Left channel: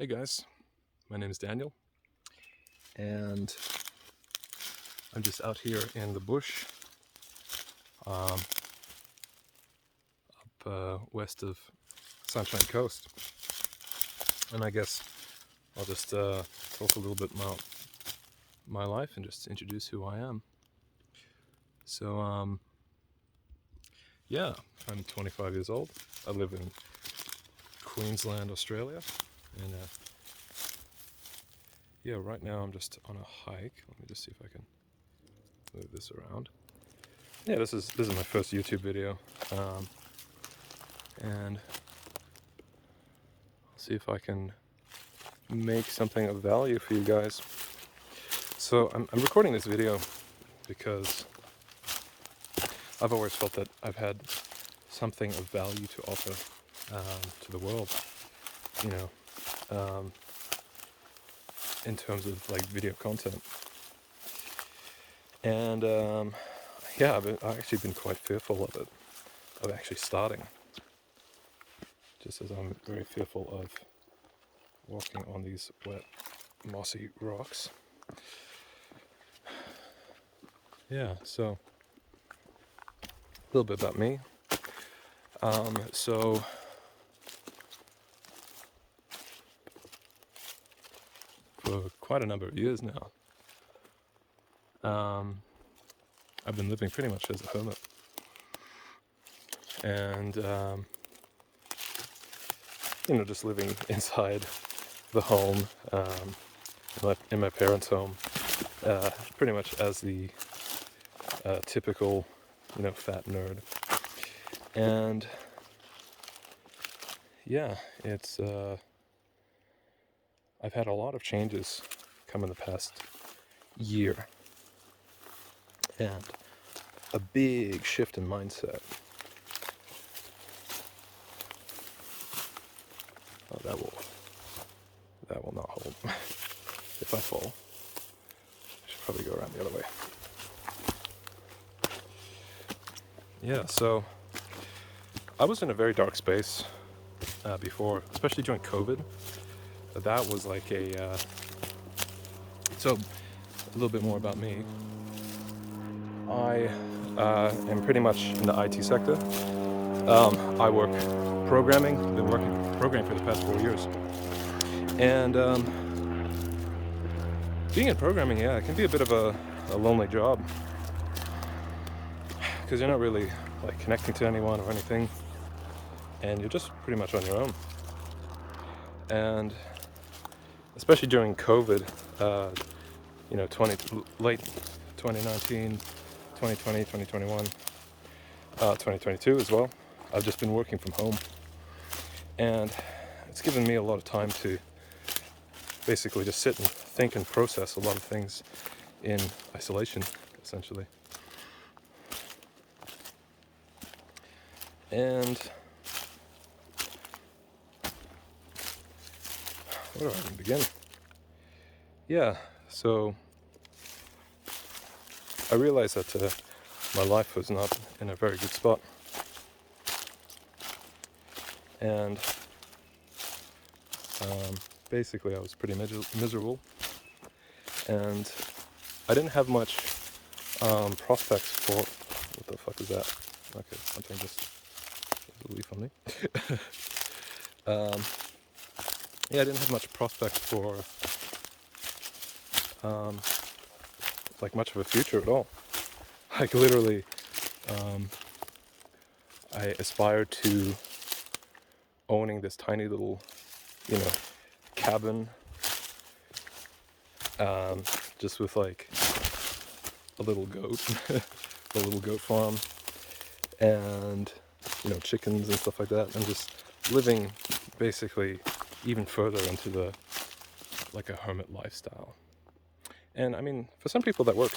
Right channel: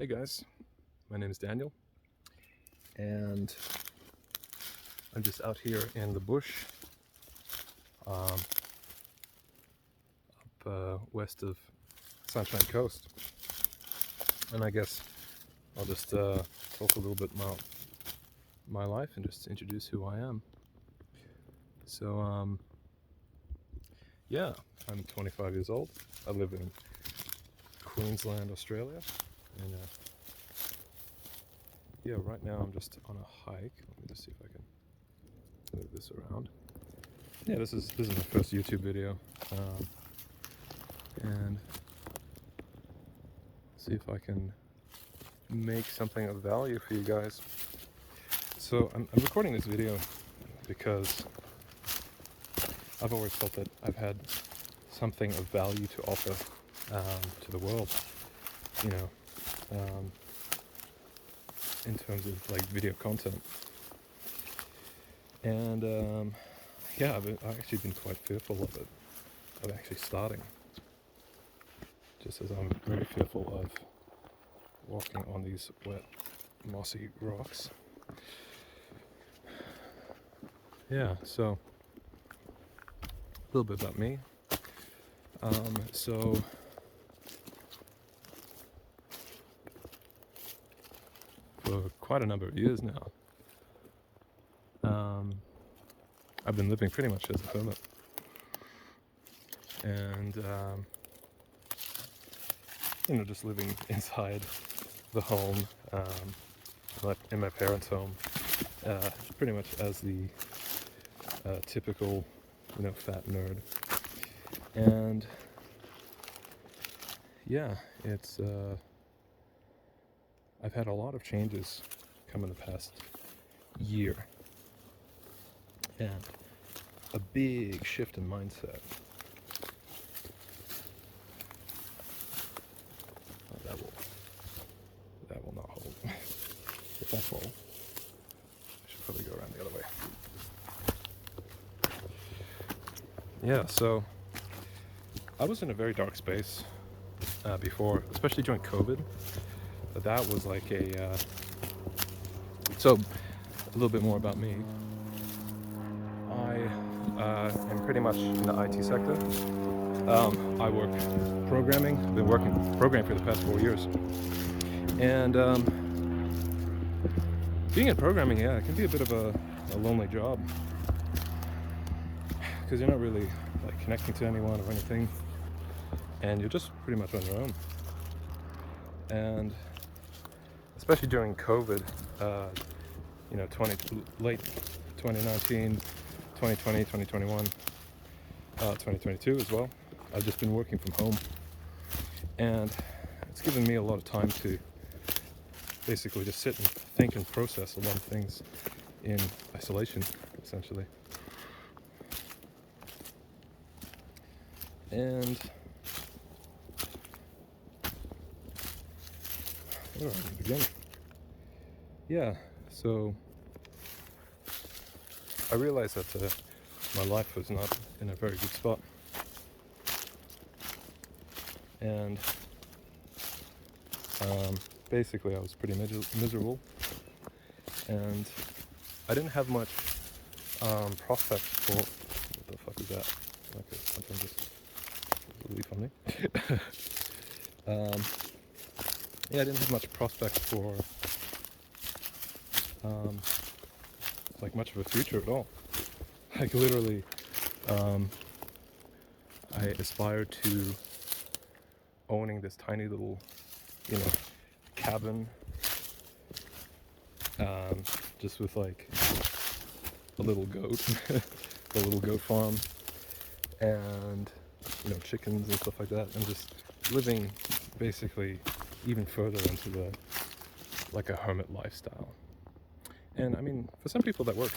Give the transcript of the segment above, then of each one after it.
Hey guys, my name is Daniel, and I'm just out here in the bush up west of Sunshine Coast. And I guess I'll just talk a little bit about my life and just introduce who I am. So, yeah, I'm 25 years old. I live in Queensland, Australia. And yeah, right now I'm just on a hike. Let me just see if I can move this around. Yeah, this is my first YouTube video, and I'll see if I can make something of value for you guys. So I'm recording this video because I've always felt that I've had something of value to offer to the world, you know, in terms of like video content. And yeah, I've actually been quite fearful of it, of actually starting, just as I'm very fearful of walking on these wet, mossy rocks. Yeah, so a little bit about me. So for quite a number of years now, I've been living pretty much as a hermit, and you know, just living inside the home, in my parents' home, pretty much as the typical, you know, fat nerd. And yeah, it's I've had a lot of changes come in the past year, and a big shift in mindset. Oh, that will not hold. If I fall, I should probably go around the other way. Yeah, so I was in a very dark space before, especially during COVID. That was like so a little bit more about me. I am pretty much in the IT sector. I work programming. I've been working programming for the past 4 years. And being in programming, yeah, it can be a bit of a lonely job, because you're not really like connecting to anyone or anything, and you're just pretty much on your own. And especially during COVID, you know, late 2019, 2020, 2021, 2022 as well. I've just been working from home, and it's given me a lot of time to basically just sit and think and process a lot of things in isolation, essentially. And where do I even begin? Yeah, so I realized that my life was not in a very good spot. And basically I was pretty miserable, and I didn't have much prospects for... What the fuck is that? Okay, something just a leaf on me. Yeah, I didn't have much prospect for like much of a future at all. Like literally, I aspired to owning this tiny little, you know, cabin, just with like a little goat, a little goat farm, and you know, chickens and stuff like that, and just living basically even further into the like a hermit lifestyle. And I mean, for some people that works,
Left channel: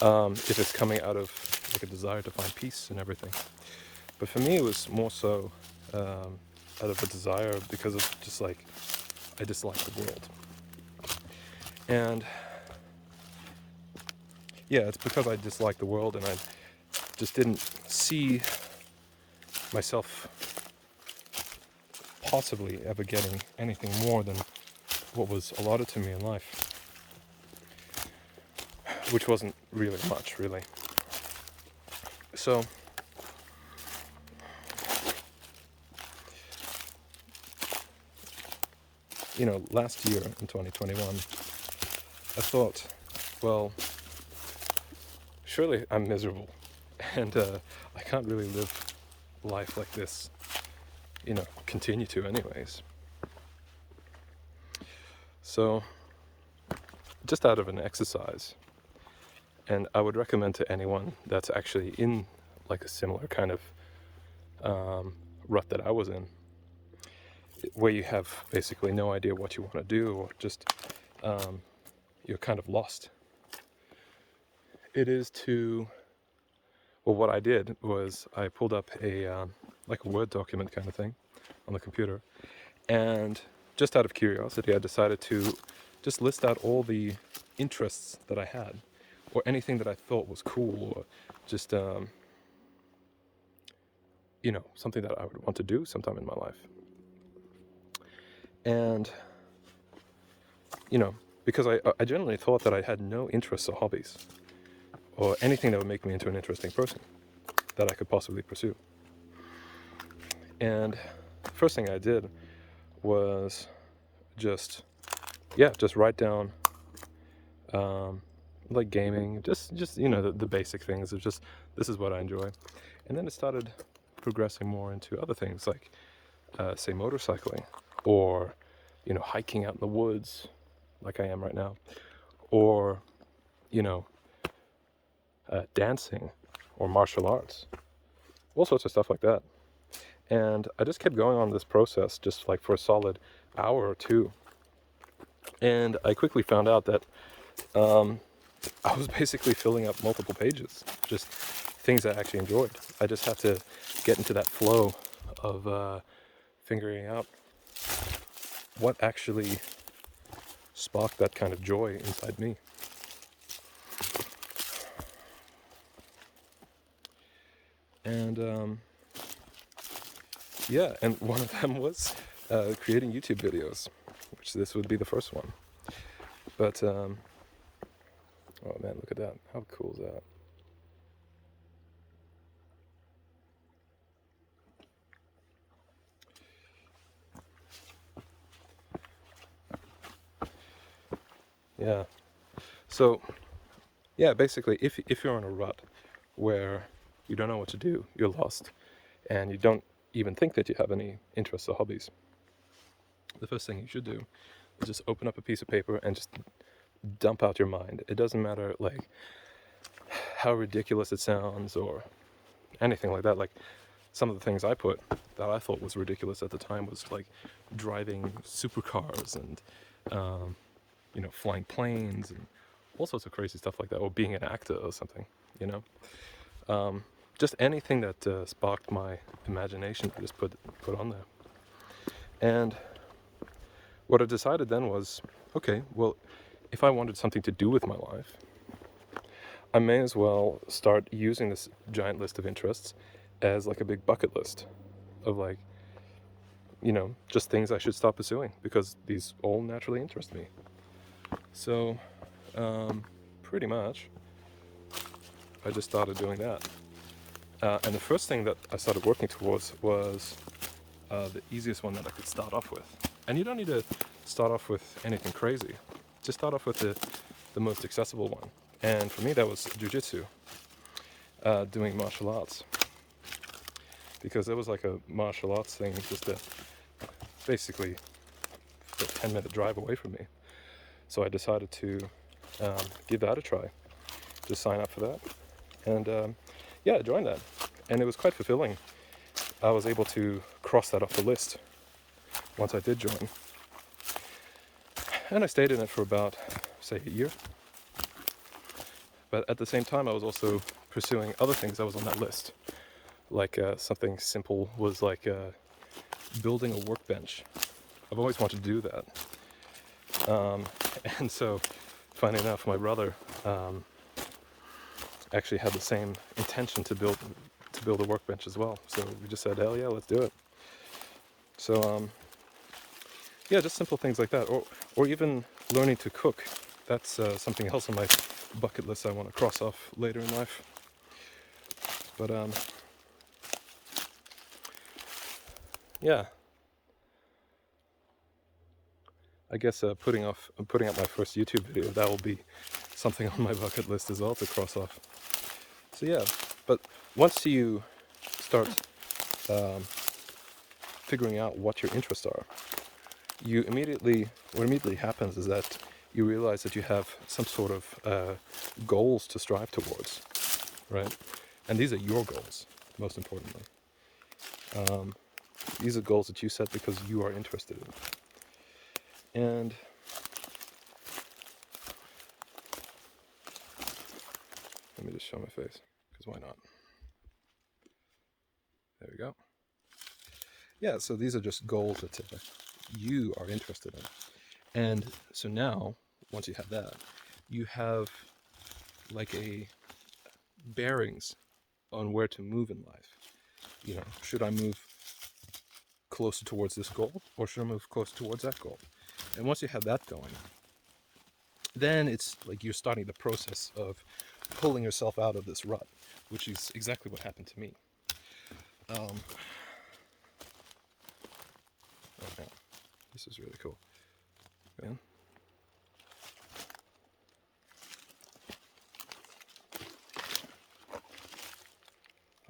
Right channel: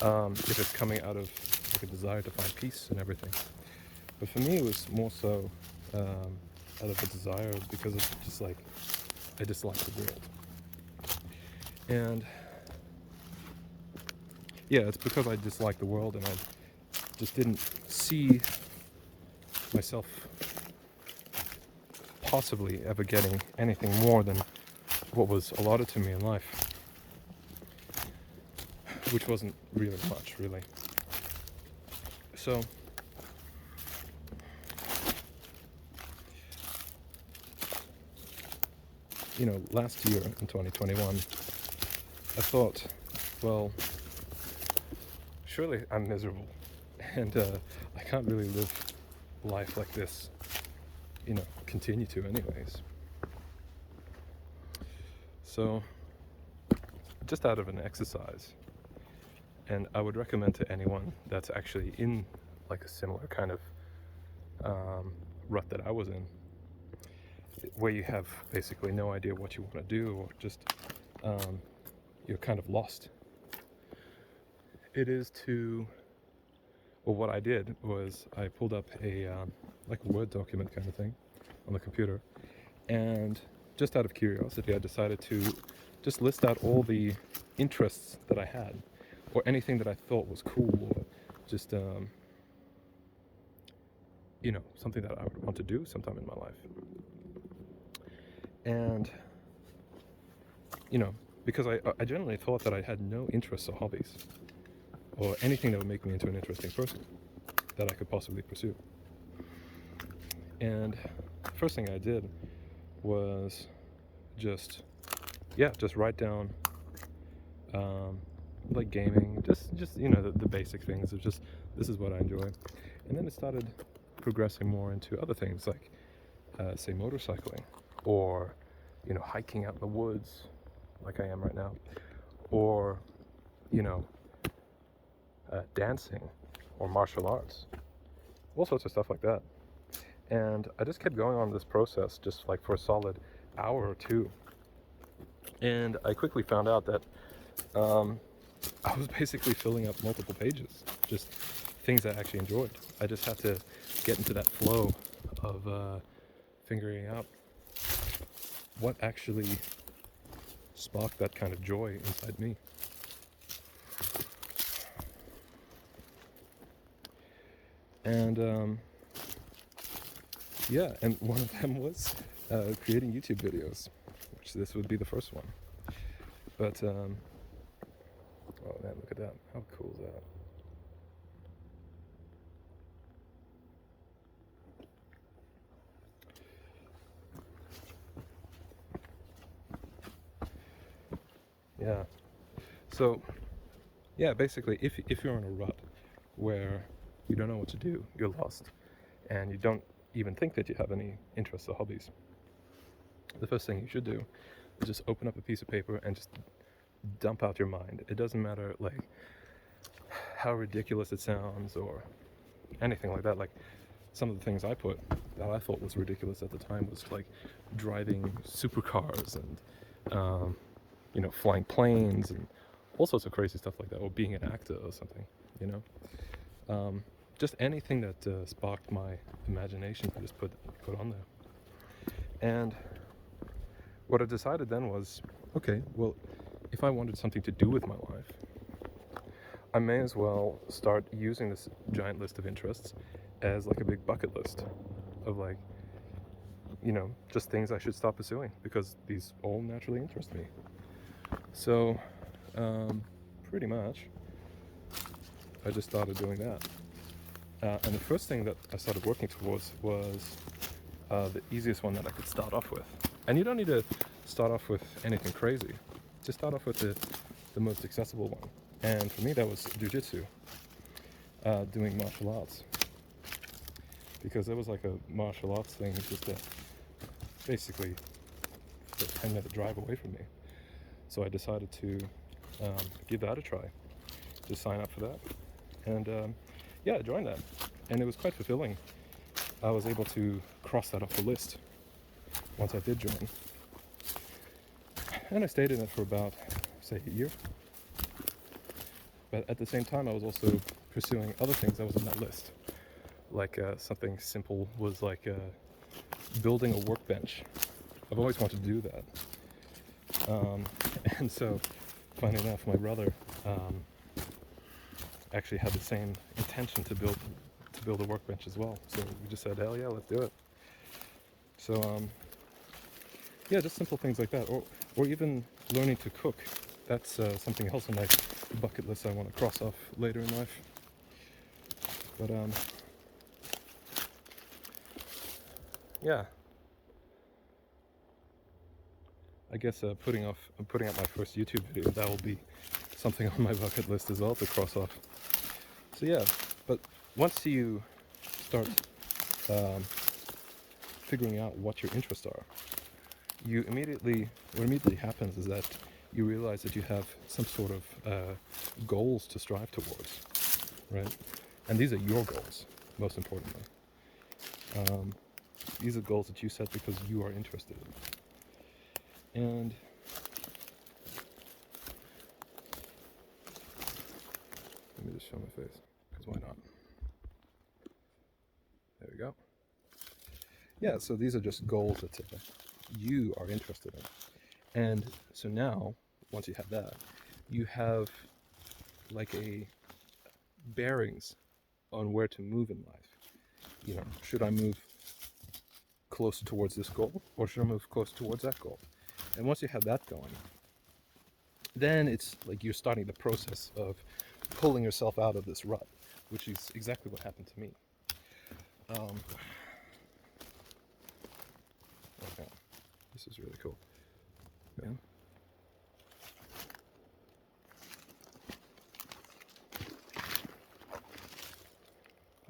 if it's coming out of like a desire to find peace and everything. But for me, it was more so out of a desire because of just like I dislike the world. And yeah, it's because I dislike the world, and I just didn't see myself possibly ever getting anything more than what was allotted to me in life, which wasn't really much, really. So, last year in 2021, I thought, well, surely I'm miserable, and I can't really live life like this, continue to anyways. So, just out of an exercise, and I would recommend to anyone that's actually in like a similar kind of rut that I was in, where you have basically no idea what you want to do, or just you're kind of lost. It is to, well, what I did was I pulled up a like a Word document kind of thing on the computer, and just out of curiosity, I decided to just list out all the interests that I had, or anything that I thought was cool, or just something that I would want to do sometime in my life. And because I generally thought that I had no interests or hobbies, or anything that would make me into an interesting person that I could possibly pursue. And first thing I did was just write down like gaming, just the basic things of just, this is what I enjoy. And then it started progressing more into other things, like say motorcycling, or hiking out in the woods like I am right now, or dancing or martial arts, all sorts of stuff like that. And I just kept going on this process just like for a solid hour or two, and I quickly found out that I was basically filling up multiple pages, just things I actually enjoyed. I just had to get into that flow of figuring out what actually sparked that kind of joy inside me. And and one of them was creating YouTube videos, which this would be the first one. But oh man, look at that! How cool is that? Yeah. So, basically, if you're in a rut where you don't know what to do, you're lost, and you don't even think that you have any interests or hobbies, the first thing you should do is just open up a piece of paper and just dump out your mind. It doesn't matter like how ridiculous it sounds or anything like that. Like, some of the things I put that I thought was ridiculous at the time was like driving supercars and flying planes and all sorts of crazy stuff like that, or being an actor or something, just anything that sparked my imagination, I just put on there. And what I decided then was, okay, well, if I wanted something to do with my life, I may as well start using this giant list of interests as like a big bucket list of like, just things I should start pursuing, because these all naturally interest me. So, pretty much, I just started doing that. And the first thing that I started working towards was the easiest one that I could start off with. And you don't need to start off with anything crazy. Just start off with the most accessible one. And for me, that was jiu-jitsu, doing martial arts. Because there was like a martial arts thing just basically a 10-minute drive away from me. So I decided to give that a try, just sign up for that. And I joined that. And it was quite fulfilling. I was able to cross that off the list once I did join. And I stayed in it for about, say, a year. But at the same time, I was also pursuing other things that was on that list. Like something simple was like building a workbench. I've always wanted to do that. And so, funny enough, my brother actually had the same intention to build a workbench as well. So we just said, hell yeah, let's do it. So yeah, just simple things like that, or even learning to cook. That's something else on my bucket list I want to cross off later in life. But yeah, I guess putting up my first YouTube video, that will be something on my bucket list as well to cross off. So yeah, but once you start figuring out what your interests are, what immediately happens is that you realize that you have some sort of goals to strive towards, right? And these are your goals, most importantly. These are goals that you set because you are interested in. And let me just show my face, because why not? There we go. Yeah, so these are just goals that you are interested in. And so now, once you have that, you have like a bearings on where to move in life. Should I move closer towards this goal, or should I move closer towards that goal? And once you have that going, then it's like you're starting the process of pulling yourself out of this rut, which is exactly what happened to me. Okay, this is really cool, man.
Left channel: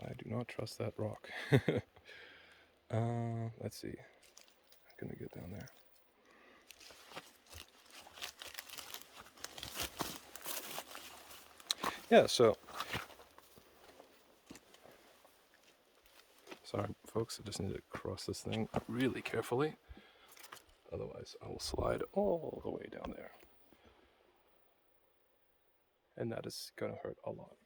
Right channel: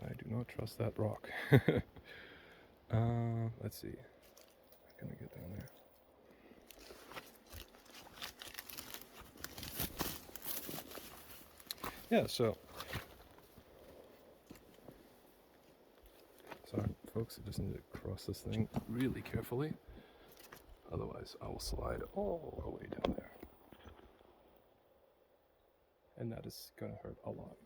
I do not trust that rock. Let's see. I'm gonna get down there. Yeah, so sorry folks, I just need to cross this thing really carefully, otherwise I will slide all the way down there, and that is gonna hurt a lot.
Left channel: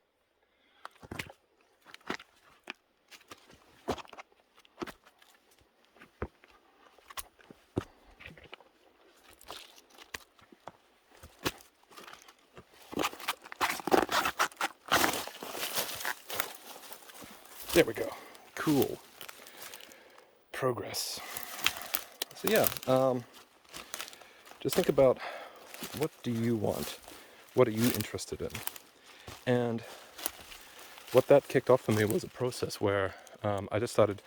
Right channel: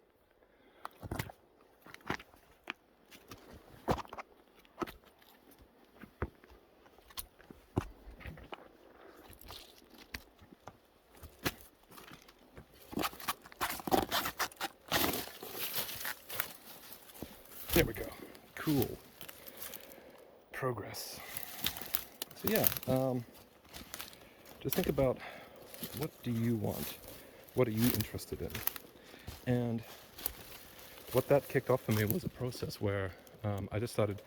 There we go. Cool. Progress. So yeah, just think about, what do you want? What are you interested in? And what that kicked off for me was a process where I just started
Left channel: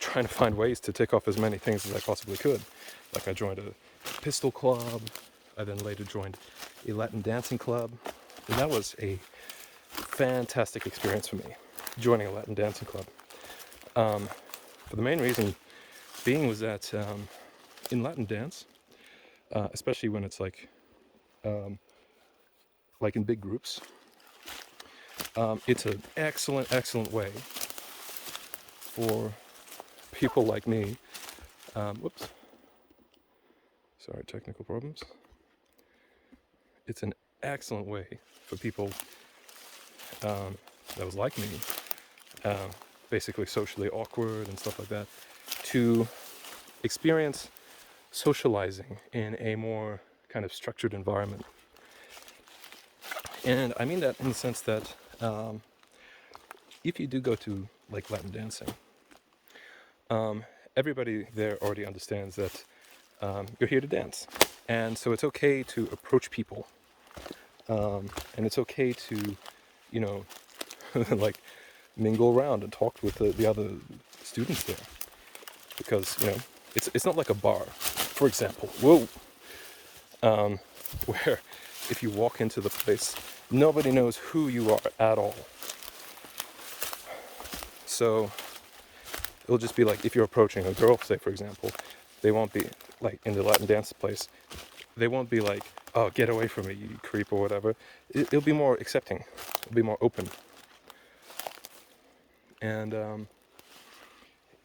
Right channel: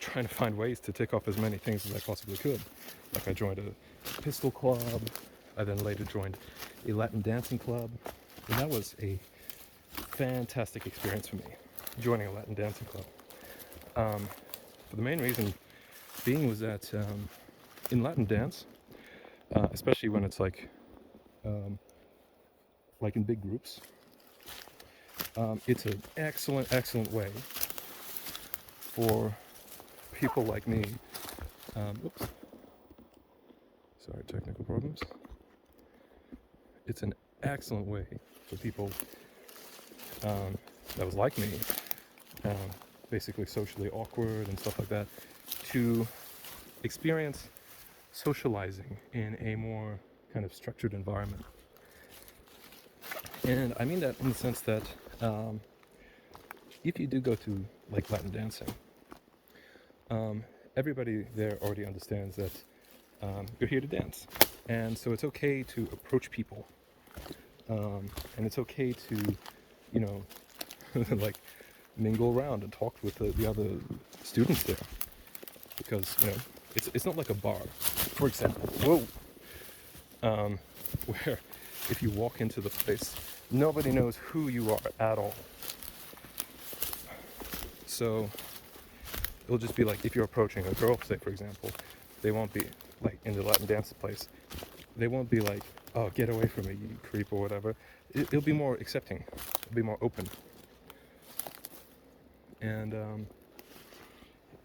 trying to find ways to tick off as many things as I possibly could. Like I joined a pistol club. I then later joined a Latin dancing club. And that was a fantastic experience for me, joining a Latin dancing club. For the main reason being was that in Latin dance, especially when it's like in big groups, it's an excellent way for people like me. Whoops. Sorry, technical problems. It's an excellent way for people that was like me, basically socially awkward and stuff like that, to experience socializing in a more kind of structured environment. And I mean that in the sense that if you do go to like Latin dancing, everybody there already understands that you're here to dance, and so it's okay to approach people, and it's okay to, like mingle around and talk with the other students there, because it's not like a bar, for example. Where if you walk into the place, nobody knows who you are at all. So it'll just be like, if you're approaching a girl, say for example, they won't be like, in the Latin dance place, they won't be like, oh, get away from me, you creep, or whatever. It'll be more accepting, it'll be more open. And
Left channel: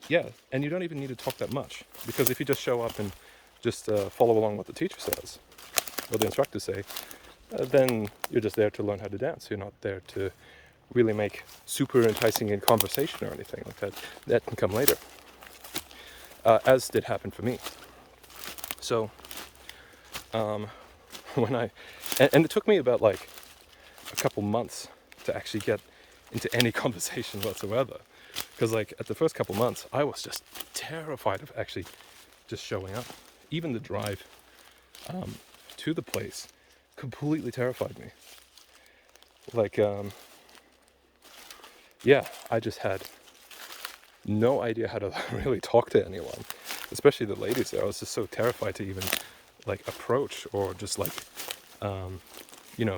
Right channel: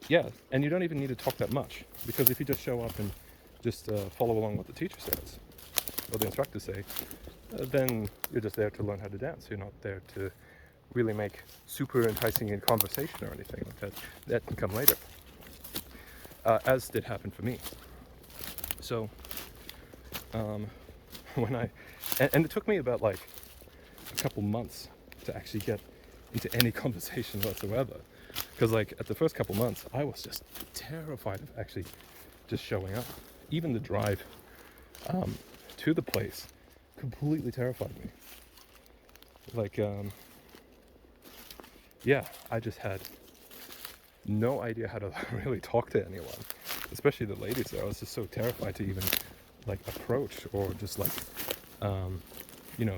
yeah, and you don't even need to talk that much, because if you just show up and just follow along what the teacher says, what the instructors say, then you're just there to learn how to dance. You're not there to really make super enticing in conversation or anything like that. That can come later, as did happen for me. So and it took me about like a couple months to actually get into any conversation whatsoever, because like at the first couple months I was just terrified of actually just showing up even the drive to the place completely terrified me. Like, yeah, I just had no idea how to really talk to anyone, especially the ladies there. I was just so terrified to even like approach or just like,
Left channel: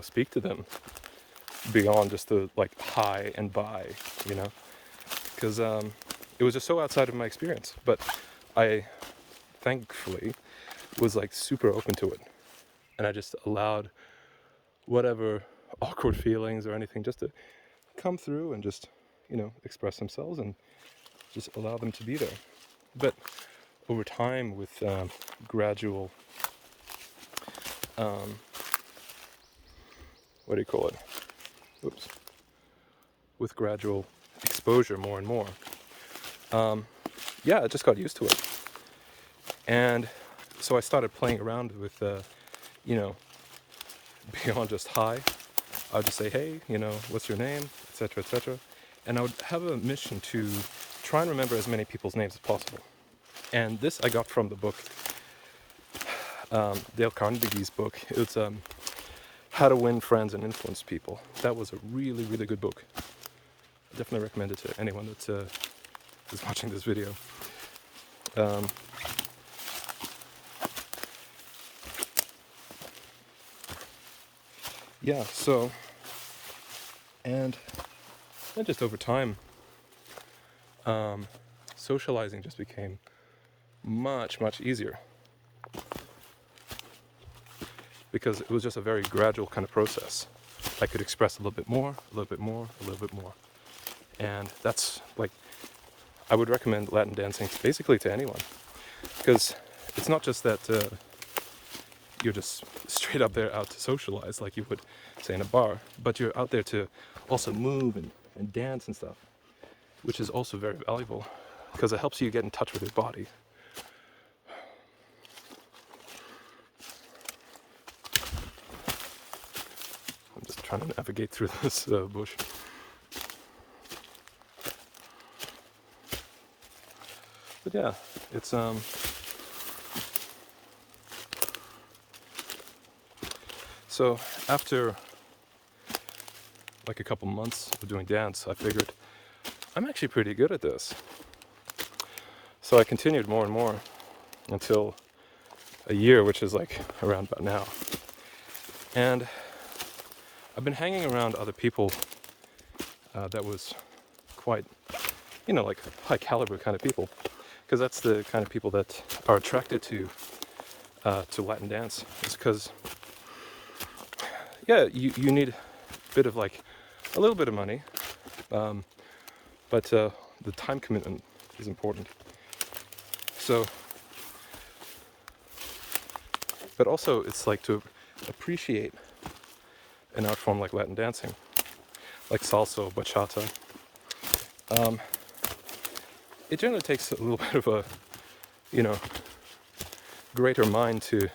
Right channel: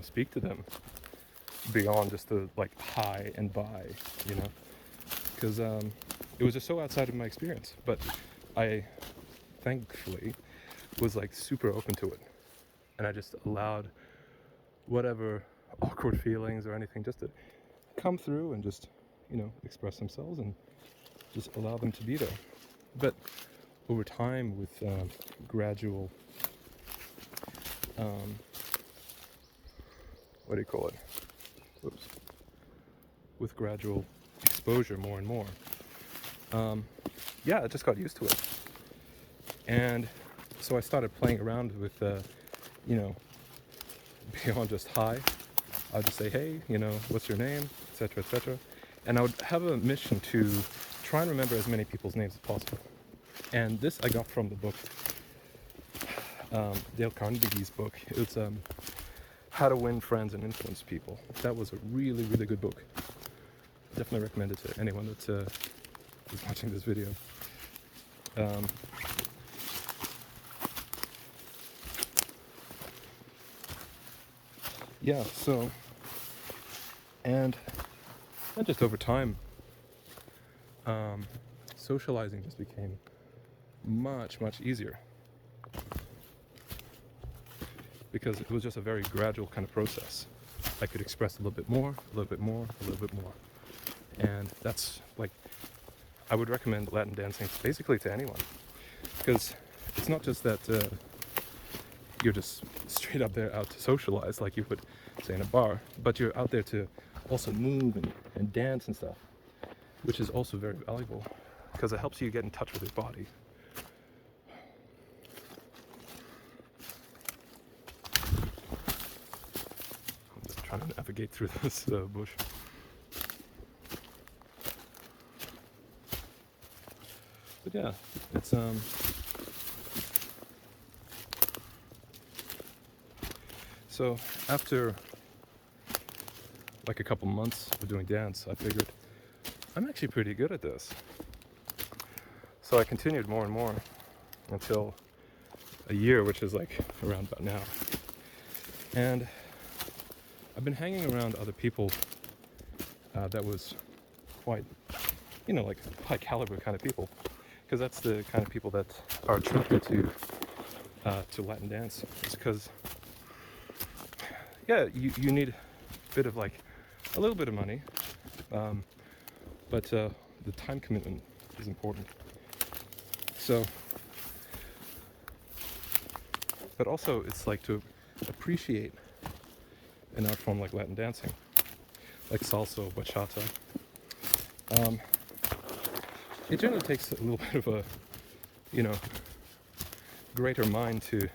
speak to them beyond just the like hi and bye, because it was just so outside of my experience. But I thankfully was like super open to it, and I just allowed whatever awkward feelings or anything just to come through and just express themselves and just allow them to be there. But over time, with gradual what do you call it with gradual exposure more and more, I just got used to it. And so I started playing around with beyond just hi. I would just say, hey, what's your name, etc., etc. And I would have a mission to try and remember as many people's names as possible. And this I got from the book, Dale Carnegie's book. It's How to Win Friends and Influence People. That was a really, really good book. I definitely recommend it to anyone that is watching this video. So, and then just over time, socializing just became much, much easier, because it was just a very gradual kind of process. I could express a little bit more, a little bit more, a little bit more. And that's like, I would recommend Latin dancing basically to anyone, because it's not just that you're just straight up there out to socialize like you would say in a bar, but you're out there to also move and dance and stuff, which is also very valuable because it helps you get in touch with your body. I'm just trying to navigate through this bush. But yeah, it's so after like a couple months of doing dance, I figured I'm actually pretty good at this. So I continued more and more until a year, which is like around about now. And I've been hanging around other people that was quite, like high caliber kind of people, because that's the kind of people that are attracted to Latin dance. It's because you need a bit of like a little bit of money, but the time commitment is important. So, but also it's like to appreciate an art form like Latin dancing, like salsa or bachata. It generally takes a little bit of a, greater mind to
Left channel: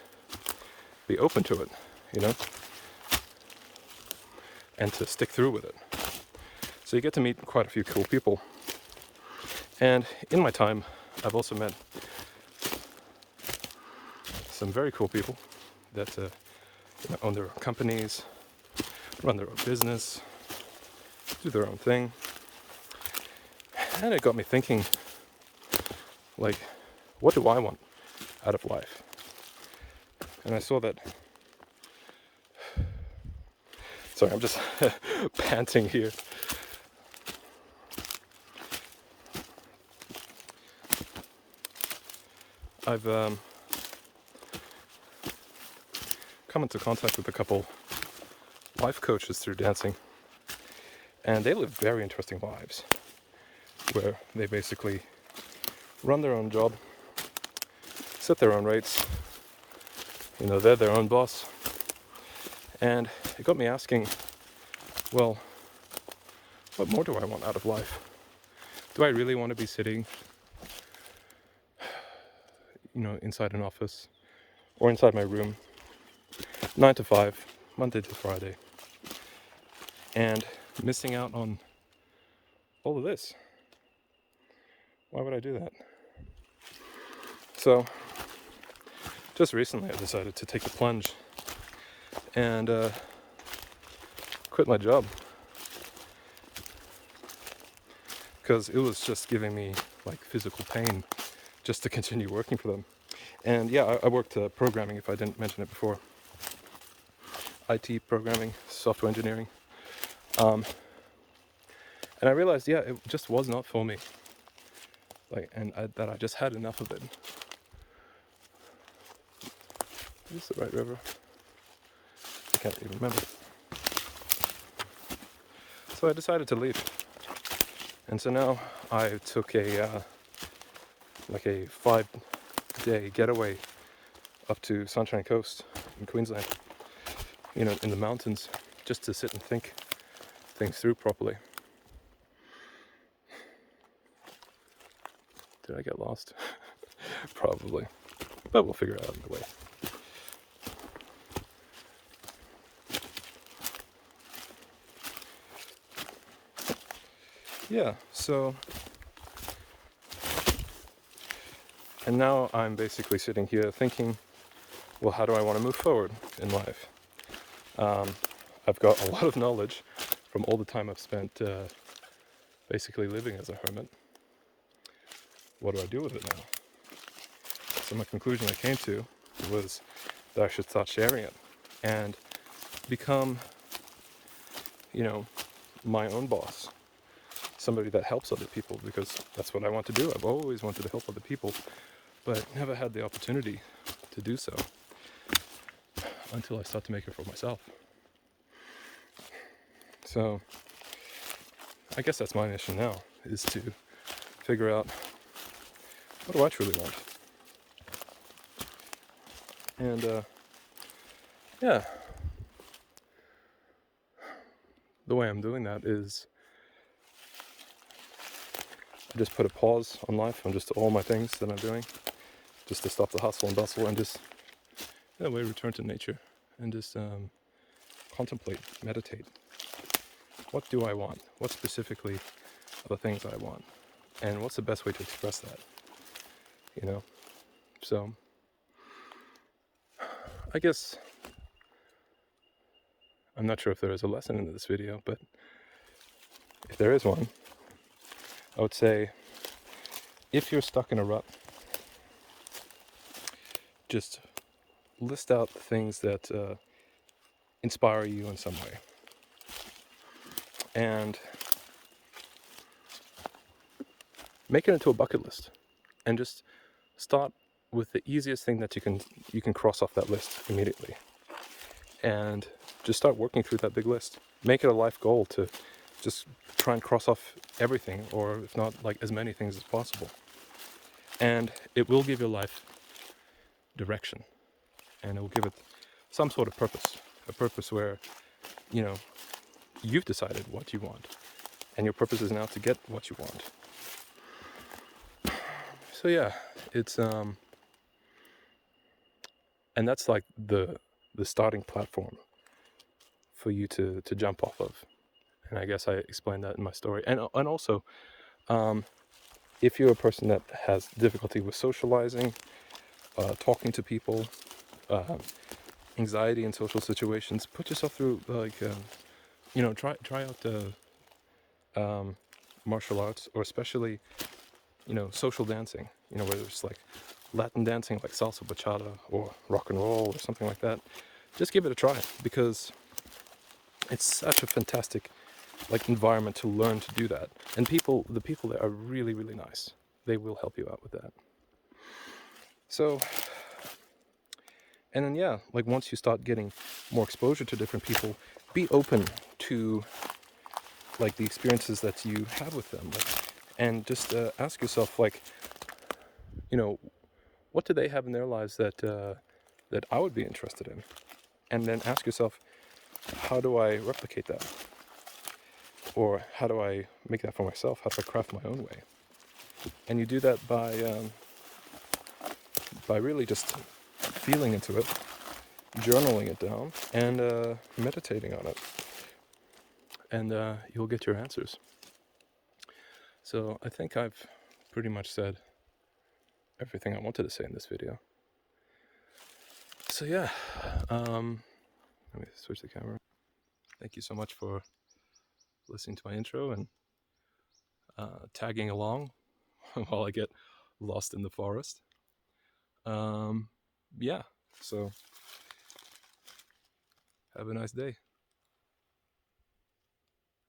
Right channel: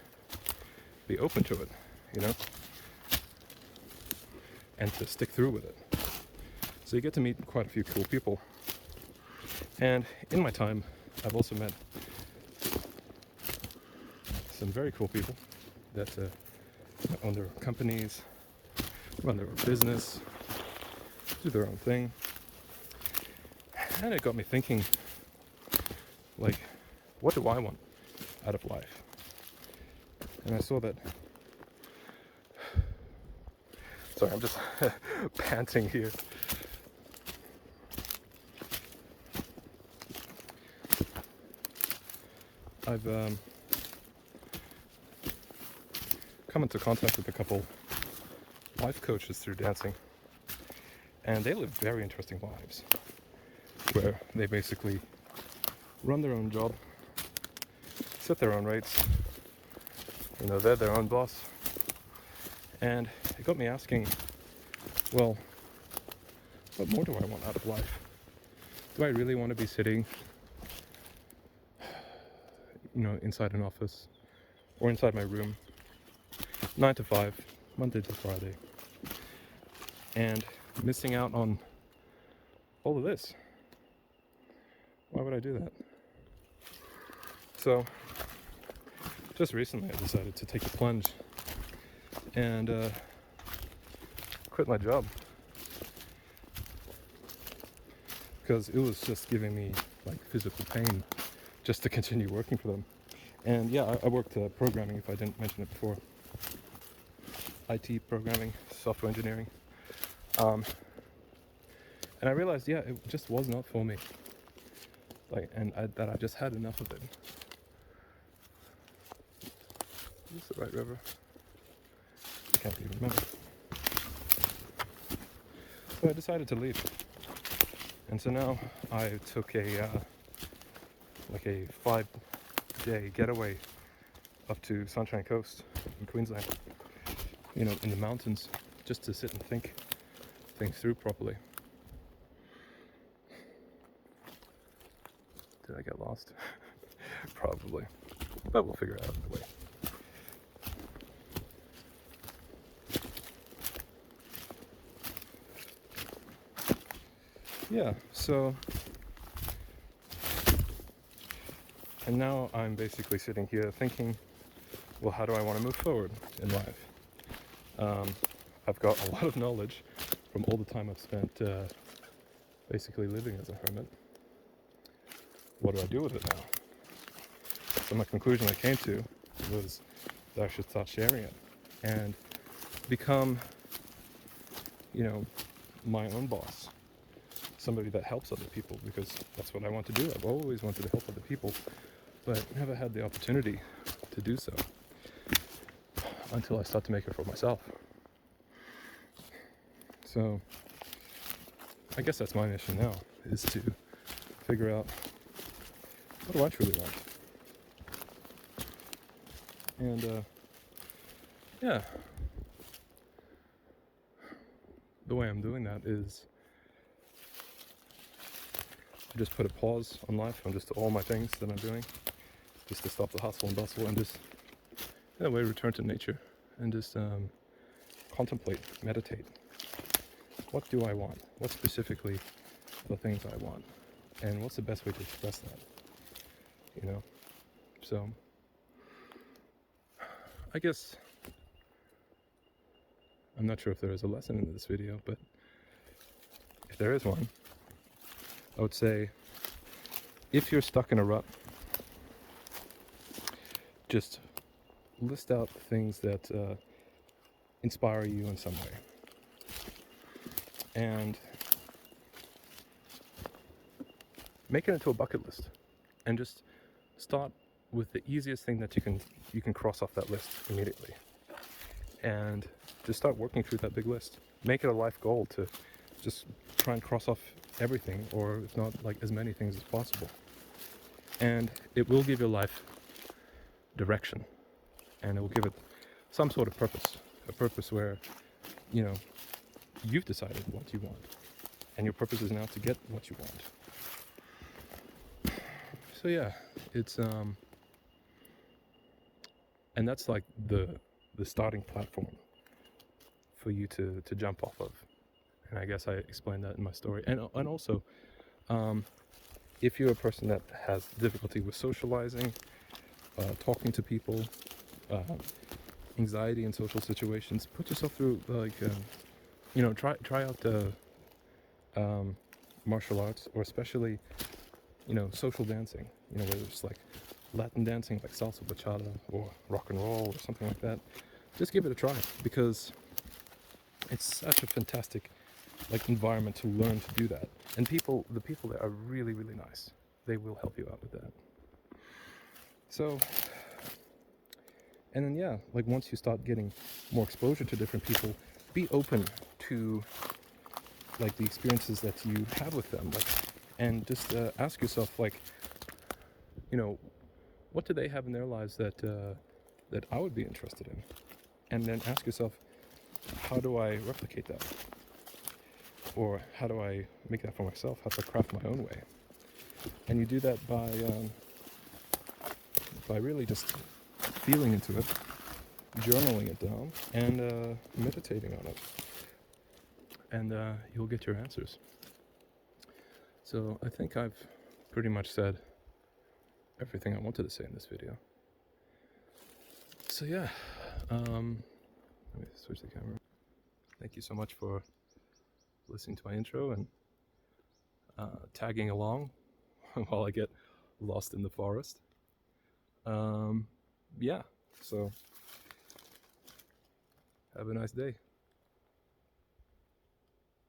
be open to it, and to stick through with it. So you get to meet quite a few cool people. And in my time, I've also met some very cool people that own their own companies, run their own business, do their own thing. And it got me thinking, like, what do I want out of life? And I saw that. Sorry, I'm just panting here. I've come into contact with a couple life coaches through dancing, and they live very interesting lives where they basically run their own job, set their own rates, they're their own boss. And it got me asking, well, what more do I want out of life? Do I really want to be sitting, inside an office or inside my room, 9 to 5, Monday to Friday, and missing out on all of this? Why would I do that? So just recently I decided to take the plunge and quit my job, because it was just giving me like physical pain just to continue working for them. And yeah, I worked programming, if I didn't mention it before. IT programming, software engineering. And I realized, yeah, it just was not for me. That I just had enough of it. Is this the right river? I can't even remember. So I decided to leave. And so now I took a 5-day getaway up to Sunshine Coast in Queensland, in the mountains, just to sit and think things through properly. Did I get lost? Probably, but we'll figure it out either way. Yeah, so, and now I'm basically sitting here thinking, well, how do I want to move forward in life? I've got a lot of knowledge from all the time I've spent basically living as a hermit. What do I do with it now? So my conclusion I came to was that I should start sharing it and become, my own boss. Somebody that helps other people, because that's what I want to do. I've always wanted to help other people, but never had the opportunity to do so until I start to make it for myself. So I guess that's my mission now, is to figure out, what do I truly want? And yeah, the way I'm doing that is just put a pause on life and just all my things that I'm doing, just to stop the hustle and bustle and just, in a way, return to nature and just contemplate, meditate. What do I want? What specifically are the things I want? And what's the best way to express that? So I guess I'm not sure if there is a lesson in this video, but if there is one, I would say, if you're stuck in a rut, just list out things that inspire you in some way. And make it into a bucket list. And just start with the easiest thing that you can cross off that list immediately. And just start working through that big list. Make it a life goal to just try and cross off everything, or if not, like as many things as possible. And it will give your life direction, and it will give it some sort of purpose, a purpose where, you've decided what you want, and your purpose is now to get what you want. So yeah, it's and that's like the starting platform for you to jump off of. And I guess I explained that in my story. And also, if you're a person that has difficulty with socializing, talking to people, anxiety in social situations, put yourself through try out martial arts, or especially social dancing. Whether it's like Latin dancing, like salsa, bachata, or rock and roll, or something like that. Just give it a try, because it's such a fantastic environment to learn to do that. And the people there are really, really nice. They will help you out with that. So, and then yeah, once you start getting more exposure to different people, be open to the experiences that you have with them, and just ask yourself, what do they have in their lives that I would be interested in? And then ask yourself, how do I replicate that? Or how do I make that for myself? How do I craft my own way? And you do that by really just feeling into it, journaling it down, and meditating on it. And you'll get your answers. So I think I've pretty much said everything I wanted to say in this video. So yeah, let me switch the camera. Thank you so much for listening to my intro and tagging along while I get lost in the forest. Yeah, so have a nice day.